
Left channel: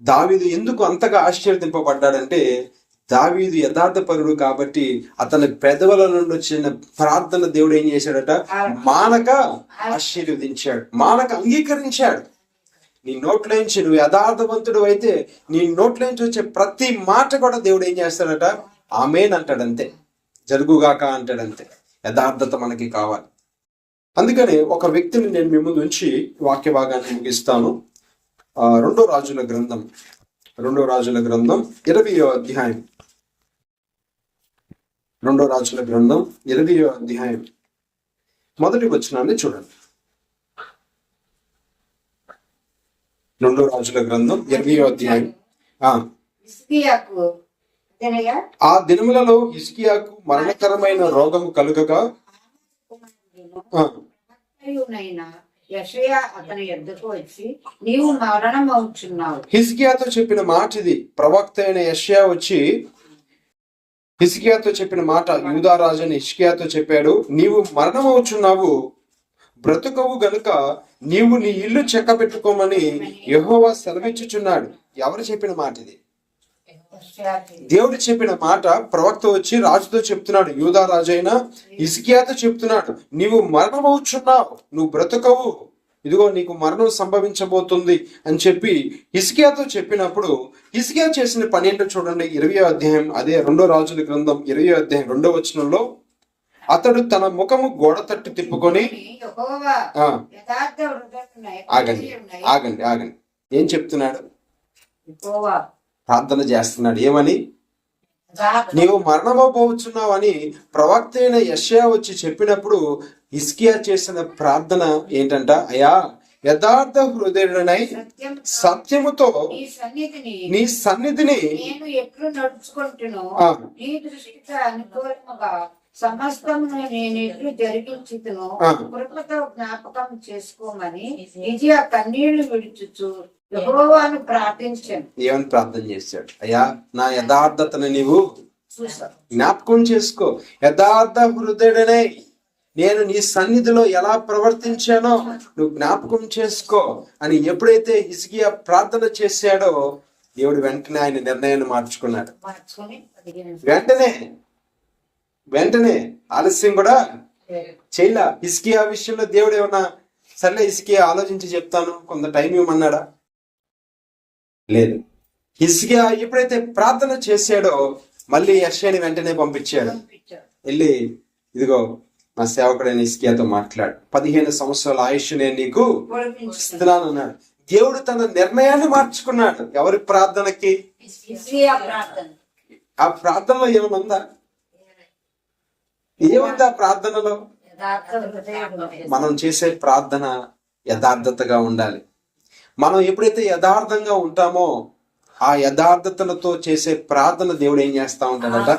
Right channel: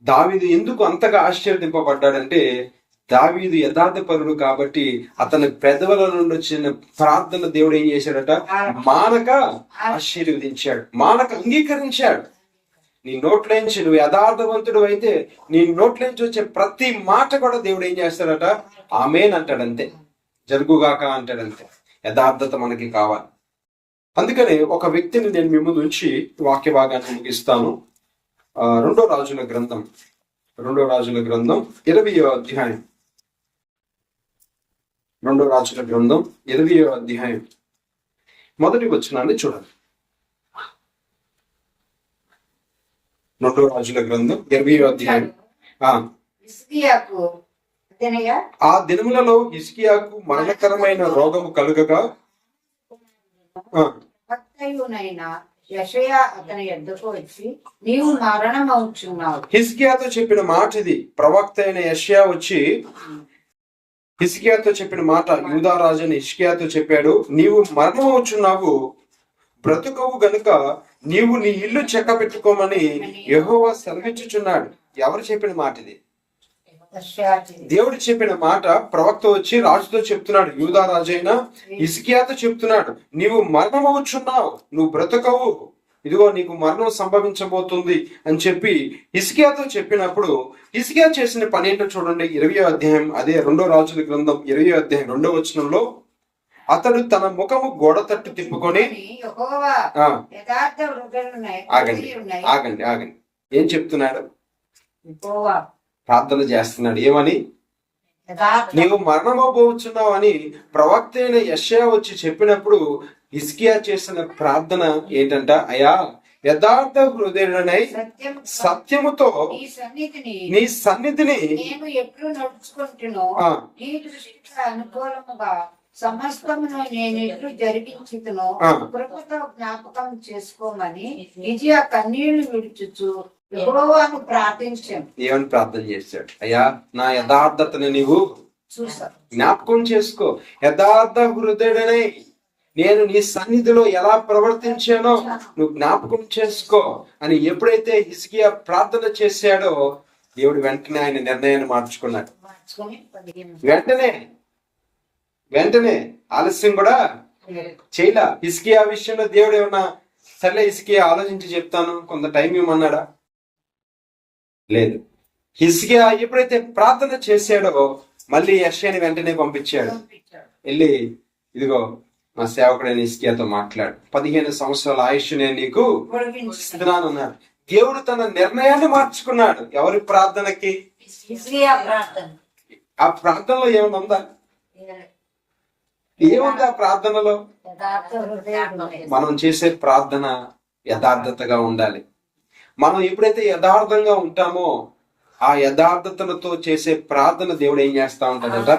దావీదు ఎందుకు అంతగా ఆశీర్వదింపబడ్డాడంటే, దావీదు యథార్థపరుడు కాబట్టి అతని పెదవుల నుండి వచ్చిన ప్రార్థన దేవుడు ఏం చేశాడట, మానక ఆశీర్వదించాడు, మానక అంగీకరించాడు. నీ నోట్లోంచి నువ్వు యథార్థవంతుడు అయితే నీ నోట్లోంచి వచ్చే ప్రతి మాట కూడా దేవుడు ఏం చేస్తాడట, ఆమేన్ అంటాడంతే, జరుగుగాక అంటాడంతే. యథార్థత మనకి కావాలి. అందుకనే ఒక వ్యక్తిని నేను మీ ముందు ఉంచి వాక్య భాగాన్ని ముగిస్తాను. 2 రాజుల గ్రంథం 20వ అధ్యాయం, 2 రాజుల గ్రంథం 20వ అధ్యాయం మొదటి వచనాన్ని చూడండి. 2 రాజుల గ్రంథం 20వ అధ్యాయం. ఆ దినములలో హిజ్కియాకు మరణకరమైన రోగము కలుగగా యెషయా అతని యొద్దకు వచ్చి, నీవు మరణమవుచున్నావు. హిజ్కియాతో చెప్పిన మాట ఇది. ప్రవక్త అయిన యెషయా వచ్చి హిజ్కియాతో చెప్పిన మాట, యూదా రాజుని హిజ్కియాతో చెప్పాడు, నీవు మరణమవుచున్నావు, బ్రతుకవు గనుక నీవు నీ ఇల్లు చెక్క పెట్టుకోమని యెహోవా సెలవిచ్చుచున్నాడు. ఎవరు చెప్పిన మాట ఇది? దేవుడు చెప్పిన మాట. ప్రవక్త వచ్చి రాజుతో చెప్తున్నాడు, యూదా రాజైన హిజ్కియాతో చెప్తున్నాడు, నీవు మరణమవుచున్నావు, నువ్వు బ్రతకవు, ఇదిగో నీకు మరణం సంభవించబోతుంది అని చెప్పి హిజ్కియాతో చెప్పినప్పుడు హిజ్కియా చేసిన పని ఏంటో చూడండి. 20వ అధ్యాయం, అదే 2 రాజుల గ్రంథం 20వ అధ్యాయం 2వ వచనంలో, అతడు తన ముఖము గోడ తట్టు తిప్పుకొని యెహోవా ఆ, యథార్థ హృదయులున్నాయి, ఆగండి ఉన్నాయి. ఆగండి ఆగండి ఏం చెప్తున్నాడు? యెహోవా ప్రార్థన చేస్తున్నాడు. ఏమని? యథార్థ నీవు మరణమోపోవచ్చున్నావు అని ప్రవక్త అయిన యెషయా వచ్చి చెప్పినప్పుడు హిజ్కియా చేసిన ప్రార్థన ఏంటంట? అయా, యథార్థ హృదయుడనై సత్యం సత్యముతో నీ నీ సన్నిధిని సన్నిధిని నేను ఎప్పుడు నడుచుకుంటునో ఆ, నీ దృష్టికి అనుకూలముగా సమస్తమును నేను ఎట్లు జరిగించుతునో ఆ. కృపతో జ్ఞాపకం చేసుకోమని ఇది ఆ కన్నీళ్లు విడుచుచు యెహోవాను ప్రార్థించాను. ఏమని ప్రార్థన చేశాడు? అయ్యా, నా యథార్థతను నీవు చూసా జ్ఞాపకం చేసుకో. యథార్థ హృదయుడనై నేను నీ సన్నిధిలో ఎలా ప్రవర్తించానో నువ్వు జ్ఞాపకం చేసుకో అని ఎప్పుడైతే హిజ్కియా ప్రార్థన చేశాడో దేవుడు వెంటనే ఆయన నిర్ణయాన్ని మార్చుకున్నాడు. మార్చుకొని 15 వెంటనే ఆలస్యం కూడా చేయలా. హిజ్కియా విషయంలో దేవుడు ఏమన్నా సర్లే హిజ్కియా ఆలోచించి చెప్తాను కొంత టైం ఇవ్వమన్నాడా? లేదు. హిజ్కియా ఎప్పుడైతే ప్రార్థన చేశాడో మళ్ళీ యెషయాని వెంటనే పంపించాడు. పంపించాడు. వెళ్ళి ఇదిగో నా సేవకుడైన హిజ్కియాతో మాట్లాడు, 15 సంవత్సరాల ఆయుష్ నేను నీకు పొడిగించుకుని ఇస్తున్నాను అన్నాడు. దేవుడు తన నిర్ణయాన్ని మార్చుకున్నాడు. ఎవరి ప్రార్థనకి? హిజ్కియా ప్రార్థన ఆ ప్రార్థనలో ఏమైనా ఉందా? ఏముంది ఆ ప్రార్థనలో? యథార్థ హృదయుడున్నాయి. మనం చేసే ప్రార్థన యథార్థతగా ఉండాలి. మనం ఎప్పుడైతే యథార్థంగా ఉంటామో ఆ యథార్థతలతో చేసే ప్రార్థన దేవుడు ఏం చేస్తా ఉంటాడట?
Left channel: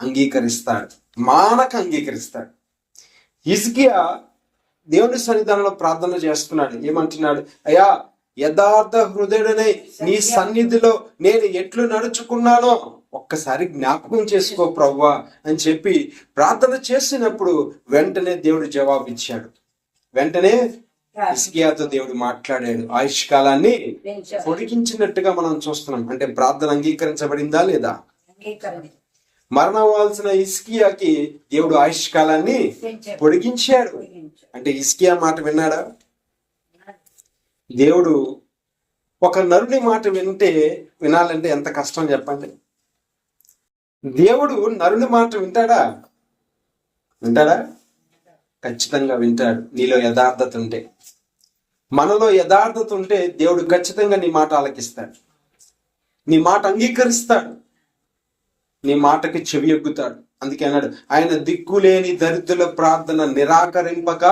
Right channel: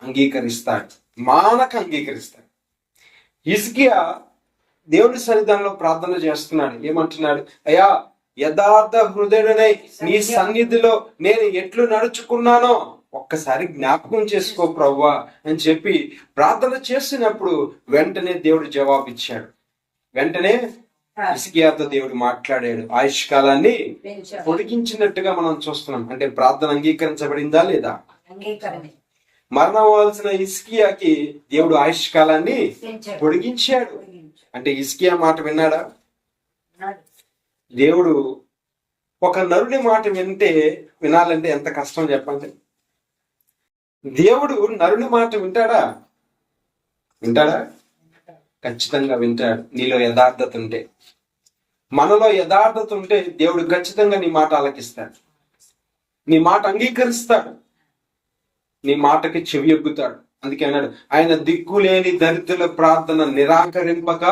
అంగీకరిస్తాడు. మానక అంగీకరిస్తాడు. హిజ్కియా దేవుని సన్నిధానంలో ప్రార్థన చేస్తున్నాడు. ఏమంటున్నాడు? అయ్యా, యథార్థ హృదయుడనై నీ సన్నిధిలో నేను ఎట్లు నడుచుకున్నానో ఒక్కసారి జ్ఞాపకం చేసుకో ప్రభువా అని చెప్పి ప్రార్థన చేసినప్పుడు వెంటనే దేవుడు జవాబిచ్చాడు. వెంటనే హిజ్కియాతో దేవుడు మాట్లాడాడు. ఆయుష్ కాలాన్ని పెంచాడు. పొడిగించినట్టుగా మనం చూస్తున్నాం. అంటే ప్రార్థన అంగీకరించబడిందా లేదా? అంగీకరణ మరణవలసిన హిజ్కియాకి దేవుడు ఆయుష్ కాలాన్ని పెంచాడు. పొడిగించాడు. పొడిగించాడు. అంటే హిజ్కియా మాట విన్నాడా? అన్నాడు. దేవుడు ఒక నరుని మాట వినాలంటే ఎంత కష్టం చెప్పండి. దేవుడు నరుని మాట వింటాడా? ఖచ్చితంగా వింటాడు. నీలో యథార్థత ఉంటే, మనలో యథార్థత ఉంటే దేవుడు ఖచ్చితంగా నీ మాట ఆలకిస్తాడు. నీ మాట అంగీకరిస్తాడు. నీ మాటకి చెవి ఎగ్గుతాడు. అందుకే అన్నాడు, ఆయన దిక్కులేని దరిద్రుల ప్రార్థన నిరాకరింపక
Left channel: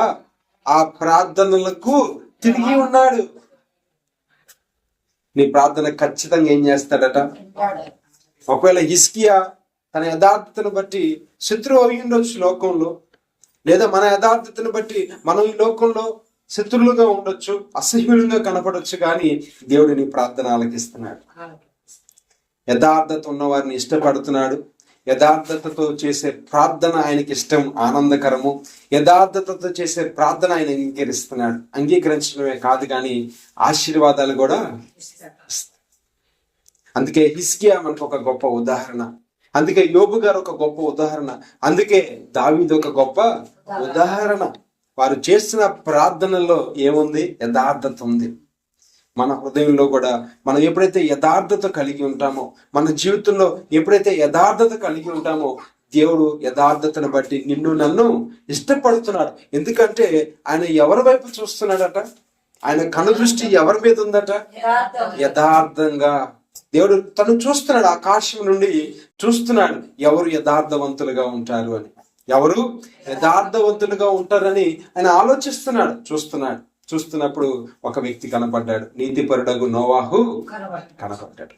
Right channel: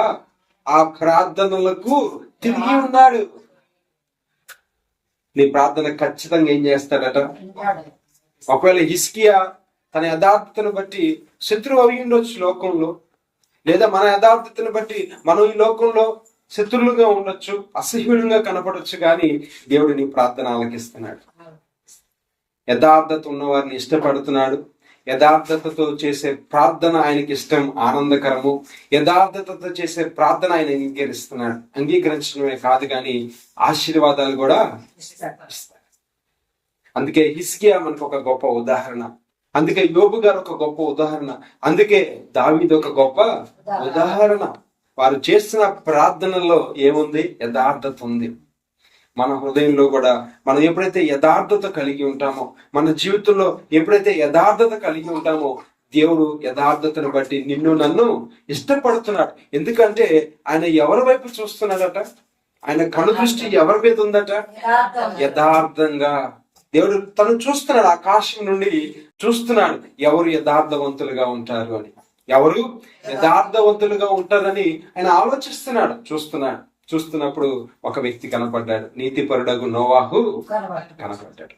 ఆ ప్రార్థనలకు తిరిగి ఉన్నాడు. నీ ప్రార్థన ఖచ్చితంగా ఏం చేస్తాడట? వింటాడు. ఒకవేళ హిజ్కియా తన యథార్థతను బట్టి శత్రువు అయి ఉండొచ్చు లోకంలో, లేదా మన యథార్థతను బట్టి మనం ఈ లోకంలో శత్రువులుగా ఉండొచ్చు, అసహ్యులంగా కనపడొచ్చు, కానీ దేవుడు నీ ప్రార్థన ఆలకిస్తున్నాడు. యథార్థత ఉన్నవారిని ఇష్టపడుతున్నాడు. యథార్థతతో చేసే ప్రార్థన ఆయనకి ఇష్టం, ఆనందకరము. యథార్థతతో చేసే ప్రార్థన ఆయన అంగీకరిస్తున్నాడు. అంగీకరించడమే కాదు కానీ ఆశీర్వాదాలు కూడా ఇస్తాడు. ఇస్తాడు. అందుకే హిజ్కియా మనకు ఒక గొప్ప ఉదాహరణ. అందుకే యోబు గారు ఒక గొప్ప ఉదాహరణ. అందుకే దావీదు ఒక గొప్ప ఉదాహరణ. వారు చేసిన ప్రార్థనలో ఏముంది? యథార్థత ఉంది. మన హృదయంలో కూడా మనం ఎప్పుడైతే యథార్థత కలిగి ఉంటామో, మన జీవితంలో ఎప్పుడైతే యథార్థత కలిగి ఉంటామో, దేవుడు యథార్థతను బట్టి నిన్ను నన్ను ఇష్టపడుతున్నాడు. ఎందుకంటే ఆయన ఎవరి వైపు చూస్తున్నాడట? ఆయన కనుదృష్టి ఎవరి మీద ఉందట? యథార్థంగా దేవుడు తను చూస్తున్నాడు. ఆకాశం నుండి చూస్తున్నాడు ఎవరు యథార్థవంతులుగా ఉంటారు అని. ఎవరు యథార్థవంతులుగా ఉంటారని ఆయన ఆలోచిస్తున్నాడు, చూస్తున్నప్పుడు ఒక వ్యక్తి కనపడ్డాడు. నీతిపరుడగు నోవాహు కనపడ్డాడు.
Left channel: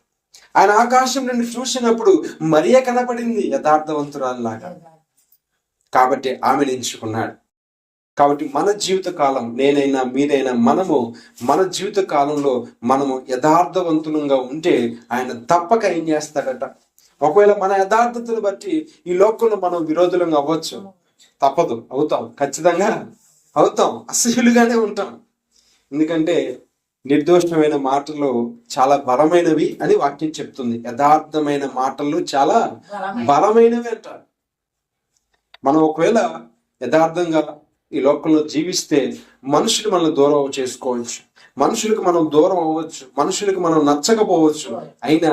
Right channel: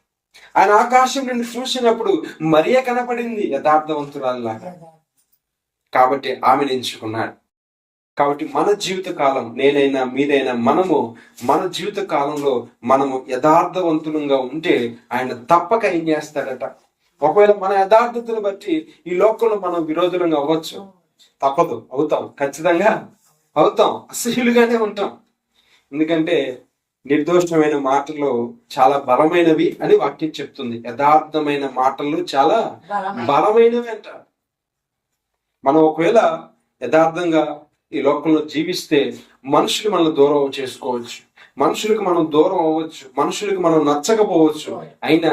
ఆయన ఆకాశం నుండి చూసినప్పుడు మరియ కనపడింది యథార్థవంతురాల్లాగా. కాబట్టి ఆమెను ఎంచుకున్నాడు. కాబట్టి మన జీవిత కాలం, నేనైనా మీరైనా, మన జీవిత కాలంలో మనము యథార్థవంతులంగా ఉంటే ఆయన తప్పక ఏం చేస్తాడట? ఒకవేళ మన యథార్థతను బట్టి ఈ లోకంలో మనం విరోధులంగా అవ్వచ్చు, తప్పదు, అవుతాం, ఖచ్చితంగా అవుతాం, అసహ్యులుగానే ఉంటాం. ఎందుకంటే నిర్దోషమైన మాటలు చాలా బలమైనవి అని వాక్యం చెప్తుంది. యథార్థమైన మాటలు చాలా బలమైనవి అంట. మనం ఒకవేళ యథార్థంగా ఈ లోకంలో జీవిస్తే మనుషులు మనల్ని దూరం చేసుకోవచ్చు, మనుషులకు మనం దూరం అవ్వచ్చు, మనుషులకు మనం నచ్చకపోవచ్చు. అయినా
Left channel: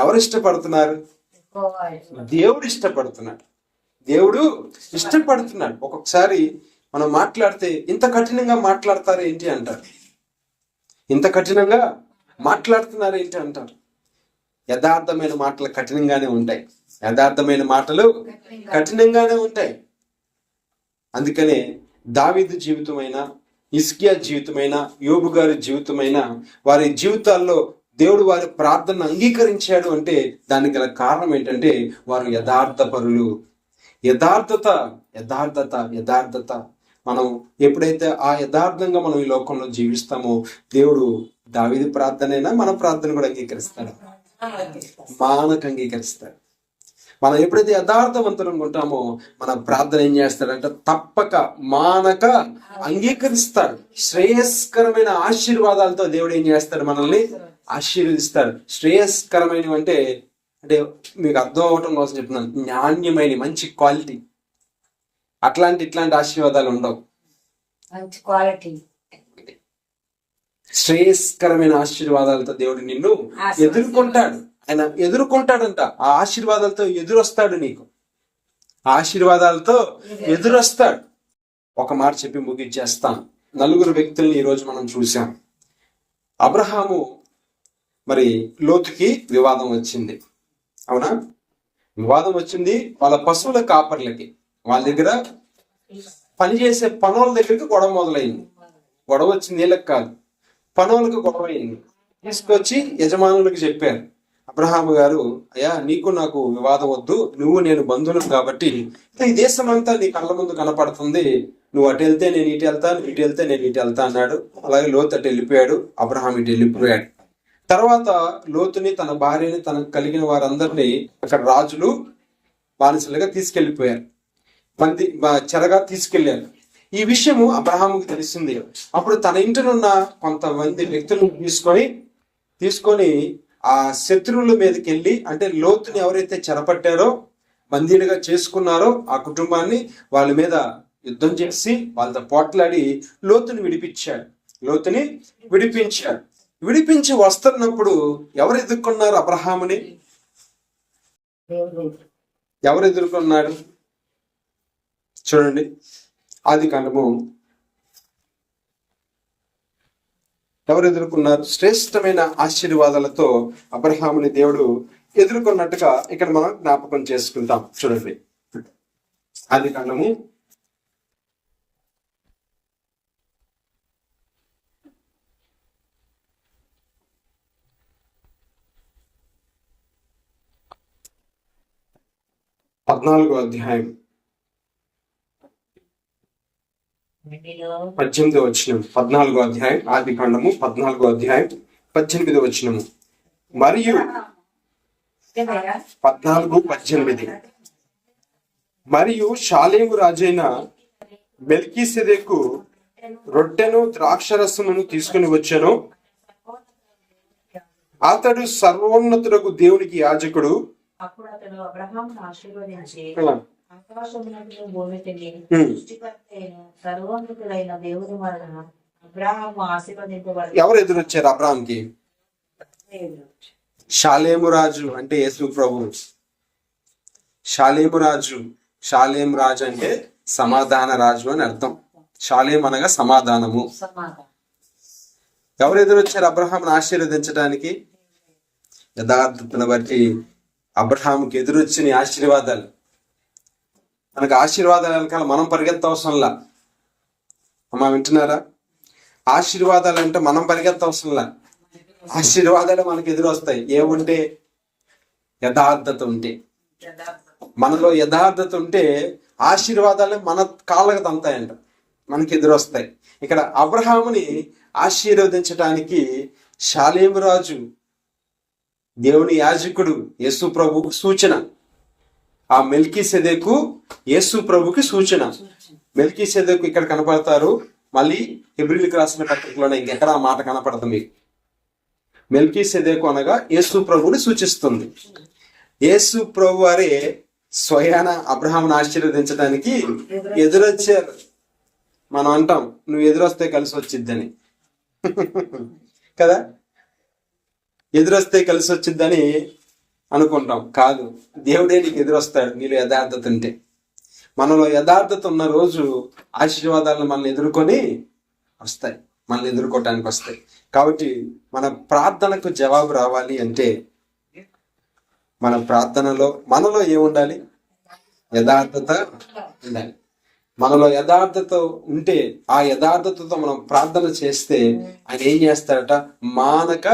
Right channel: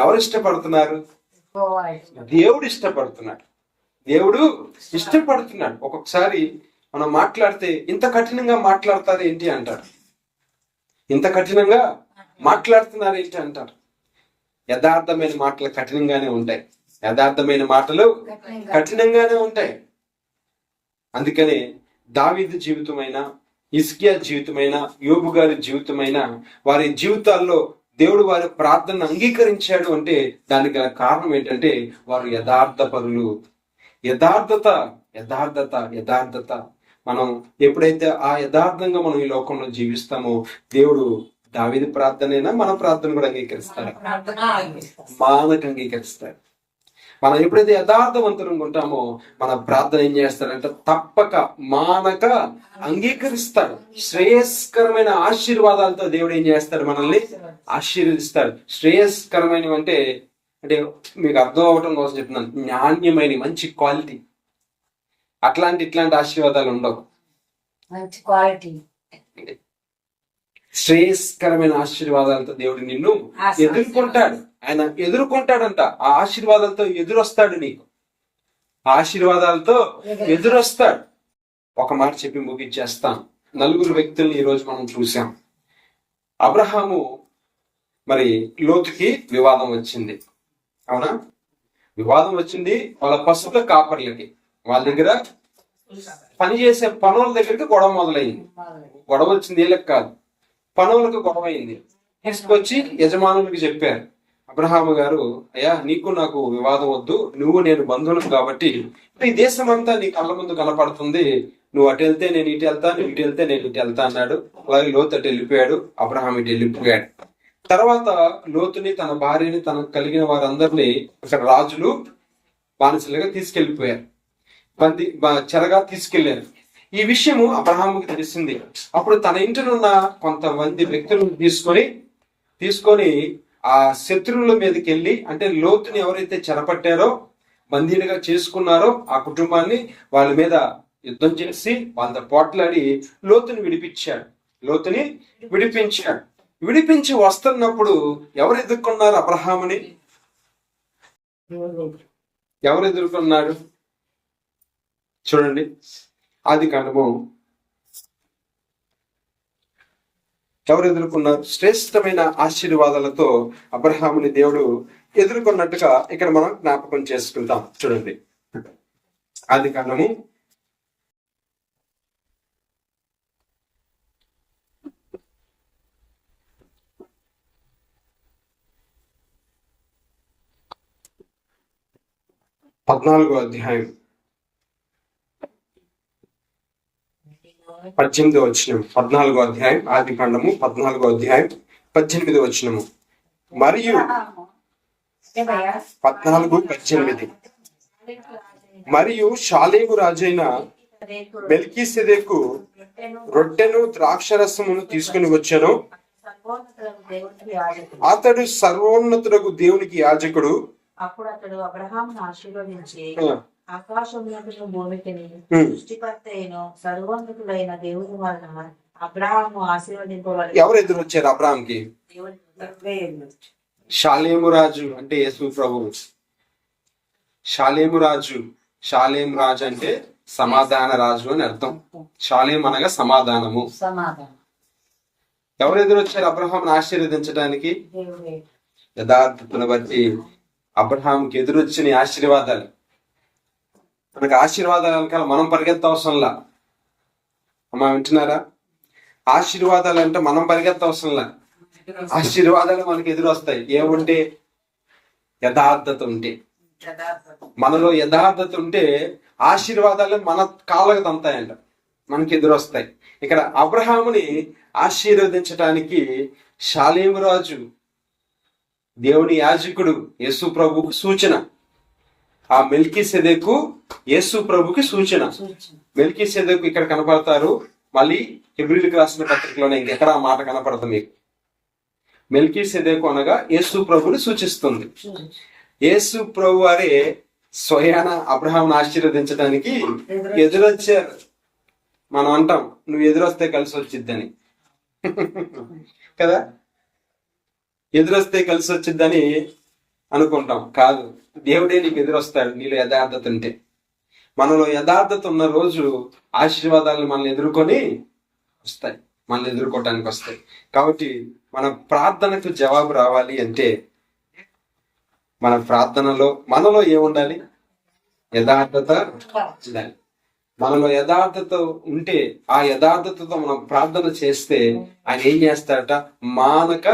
ఎవరు ఇష్టపడుతున్నారు? దేవుడు ఇష్టపడుతున్నాడు. దేవుడు ఇష్టపడుతున్నాడు. ఒక్కొక్కసారి మనం మాట్లాడితే ఇంత కఠినంగా మాట్లాడతారు ఏంటి అంటారు, ఇంత కఠినంగా మాట్లాడుతున్నారు ఏంటి అంటారు. యథార్థమైన మాటలు కఠినంగానే ఉంటాయి, యథార్థమైన మాటలు కఠినంగానే ఉంటాయి. అందుకనే దావీదు జీవితమైన, హిజ్కియా జీవితమైన, యోబు గారి జీవితమైన, వారి జీవితాల్లో దేవుడు వారి ప్రార్థనను అంగీకరించాడు అంటే దానికి గల కారణం ఏంటంటే వారు యథార్థ పరులు. యథార్థత యథార్థత యథార్థత. మనం ఎప్పుడైతే ఆ యథార్థంగా మనం ఈ లోకంలో జీవిస్తామో దేవుడు దావీదు ప్రార్థనైనా మన ప్రార్థన కూడా అంగీకరిస్తాడు, మానక అంగీకరిస్తాడు. మనం ఎప్పుడైతే యథార్థవంతులంగా ఉంటామో మన ప్రార్థన ఏం చేస్తాడంటే తప్పక మానక అంగీకరిస్తాడు. శ్రేయస్కరమైన ఆశీర్వాదాలతో దేవుడు ఏం చేస్తాడు, మనల్ని ఆశీర్వదిస్తాడు. శ్రేయస్కరమైనవి అంటే మీకు అర్థం అవటం కోసం చెప్తున్నాను, నాణ్యమైన మంచి క్వాలిటీ. ఇట్లాంటి ఆశీర్వాదాలు ఉండవు. మంచి క్వాలిటీ, శ్రేయస్కరమైన ఆశీర్వాదాలతో దేవుడు నిన్ను ఎదుర్కొంటాడు. ఆయన ఎదుర్కొంటాడంట. ఆ ఆశీర్వాదాలతో ఎదురొస్తాడు, నీకు ఆశీర్వాదాలతో ఎదురొస్తాడు. ఒక మాట చెప్పి ముగించేస్తాను. 4 వ్యక్తుల్ని ఈరోజు మనం చూసాం. అబ్రహాము మరి లోతుకి వివాదం వచ్చింది, అవునా? వివాదం వచ్చింది వాళ్ళ పశువుల కాపర్లకి, వాళ్ళ దగ్గర పనిచేసే పనుల దగ్గరికి గొడవ మొదలైంది. గొడవ వచ్చింది వీళ్ళకి కాదు, పనులకు గొడవ అయింది. తీసుకొచ్చి యజమానులకు చెప్పారు, అబ్రహాము గారు, అయ్యా నీకు నాకు వివాదం వద్దు, నువ్వు నేను బంధువులు కాబట్టి ఈ దేశం అంతా నీ కళ్ళ ముందు కనపడుతుంది, నువ్వు అటు వెళ్తే నేను ఇటు వెళ్తా, నువ్వు ఇటు వెళ్తే నేను ఇటు వెళ్తా అన్నాడు. అలాగే లోతు అటు వెళ్ళిపోయాడు, అబ్రహాం ఇటు వెళ్ళిపోయాడు. తర్వాత లోతుని, తన భార్యని, తనకు కలిగిన వారందరినీ అక్కడ రాజులు బానిసలుగా తీసుకెళ్లిపోయారు, చెరగా తీసుకెళ్లారు. ఈ విషయము అబ్రహాముకి తెలిసింది. అప్పుడు తన ఇంటినున్న కొంతమంది వ్యక్తులను తీసుకొని ఆ శత్రువుల మీదకి వెళ్ళి, అంటే లోతుని ఎవరైతే చెరపట్టారో, బందీలుగా చేసుకున్నారో ఆ కుటుంబాన్ని, వాళ్ళ మీద యుద్ధం చేసి వాళ్ళతో పోట్లాడి లోతుని విడిపించాడు. విడిపించి వస్తున్నప్పుడు ఎవరు ఎదుర్కొన్నారు అబ్రహాముని? ఎవరు ఎదుర్కొన్నాడు? చూడండి, ఆదికాండము ఎవరు ఎదుర్కొన్నారు? శ్రేష్టమైన ఆశీర్వాదాలతో అబ్రహాముని దేవుడు ఎదుర్కొన్నట్టుగా ఇక్కడ మనం జ్ఞాపకం చేసుకుంటాం. చూడండి, ఆదికాండము 14వ అధ్యాయం 18వ వచనం. 14వ అధ్యాయం, ఆదికాండము 14వ అధ్యాయం 18వ వచనము. మరియు 14:18 మరియు షాలేము రాజైన మెల్కీసెదెకు రొట్టెను ద్రాక్షరసమును తీసుకుని వచ్చెను. అతడు సర్వోన్నతుడగు దేవునికి యాజకుడు. అప్పుడు అతడు అబ్రహామును ఆశీర్వదించి, ఆకాశమునకును భూమికిని సృష్టికర్త అయిన సర్వోన్నతుడైన దేవుని వలన అబ్రహాము ఆశీర్వదింపబడి. ఎవరు ఎదురొచ్చారు అబ్రహాంకి? షాలేము రాజు అంటే యేసు ప్రభు. షాలేము రాజు అంటే సమాధాన రాజు అని అర్థం. షాలేం అనగా సమాధానము. ఎవరు ఎదురొచ్చారు అబ్రహాంను ఆశీర్వదించడానికి? యథార్థతను బట్టి అబ్రహాంకి ఎదురొచ్చిన ఆశీర్వాదాలు. మనకు ఆశీర్వాదాలు వెనకాల మనం పరిగెత్తవసరంలా. అమ్మా వింటున్నారా? ఆశీర్వాదాలు అంటే మనం పరిగెత్తవసరంలా, ఆశీర్వాదాలు మనకు ఎదురొస్తాయి. ఏముంటే? యథార్థత ఉంటే. మనలో యథార్థత ఉంటే ఆశీర్వాదాలు మన కాళ్ళకు తంతాయంట, మనకి ఎదురొస్తాయి. ఇక్కడ అబ్రహాముని ఆశీర్వదించడానికి షాలేము రాజు, దేవుని యాజకుడు, యేసు ప్రభుకు సూచన. ఆ మెల్కీసెదెకు యేసు ప్రభుకి సూచన. మెల్కీసెదెకు ఇక్కడ కనపడతారు, మళ్ళీ హెబ్రీయులకు రాసిన పత్రికలోనే ఇంకెక్కడ ఆ మాట కనపడదు మీకు. మెల్కీసెదెకు అనగా యేసు ప్రభుని సూచిస్తుంది. యేసు ప్రభు వారే స్వయాన అబ్రహాంను ఆశీర్వదించడానికి ఎదురొచ్చారు. మనం అంటాం, నువ్వు ఎదురొస్తే కలిసి వచ్చిద్దని కదా, ఎదురొస్తే కలిసి వచ్చిద్దని అనుకుంటాం. కాదు, దేవుడే నీకు ఎదురొస్తాడు నీలో యథార్థత ఉంటే. మనలో యథార్థత ఉన్న రోజు ఆశీర్వాదాలు మనల్ని ఎదుర్కొని వస్తాయి, మనల్ని ఎదుర్కోవటానికి వస్తాయి. కాబట్టి మన ప్రార్థనకు జవాబు రావాలి అంటే మన ప్రార్థనలో మనలో ఏముండాలి? యథార్థత ఉండాలి. మనలో యథార్థత ఉంటే ఆ యథార్థతతో మనం ప్రార్థన చేస్తే ఆయన ఏం చేస్తాడట? మానక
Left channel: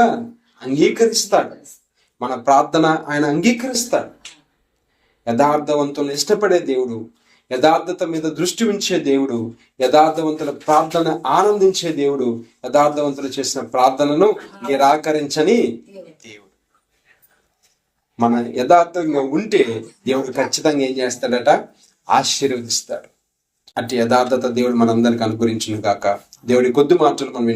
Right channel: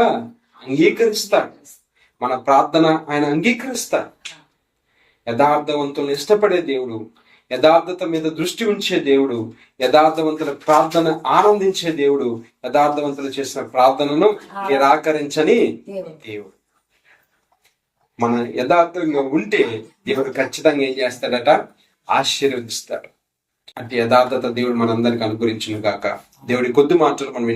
అంగీకరిస్తాడు. మన ప్రార్థన ఆయన అంగీకరిస్తాడు. యథార్థవంతులను ఇష్టపడే దేవుడు, యథార్థత మీద దృష్టి ఉంచే దేవుడు, యథార్థవంతుల ప్రార్థన ఆనందించే దేవుడు, యథార్థవంతులు చేసిన ప్రార్థనను నిరాకరించని దేవుడు. మన యథార్థంగా ఉంటే దేవుడు ఖచ్చితంగా ఏం చేస్తాడట? ఆశీర్వదిస్తాడు. అట్టి యథార్థత దేవుడు మనందరికి అనుగ్రహించును గాక. దేవుడి కొద్ది మాటలు మనం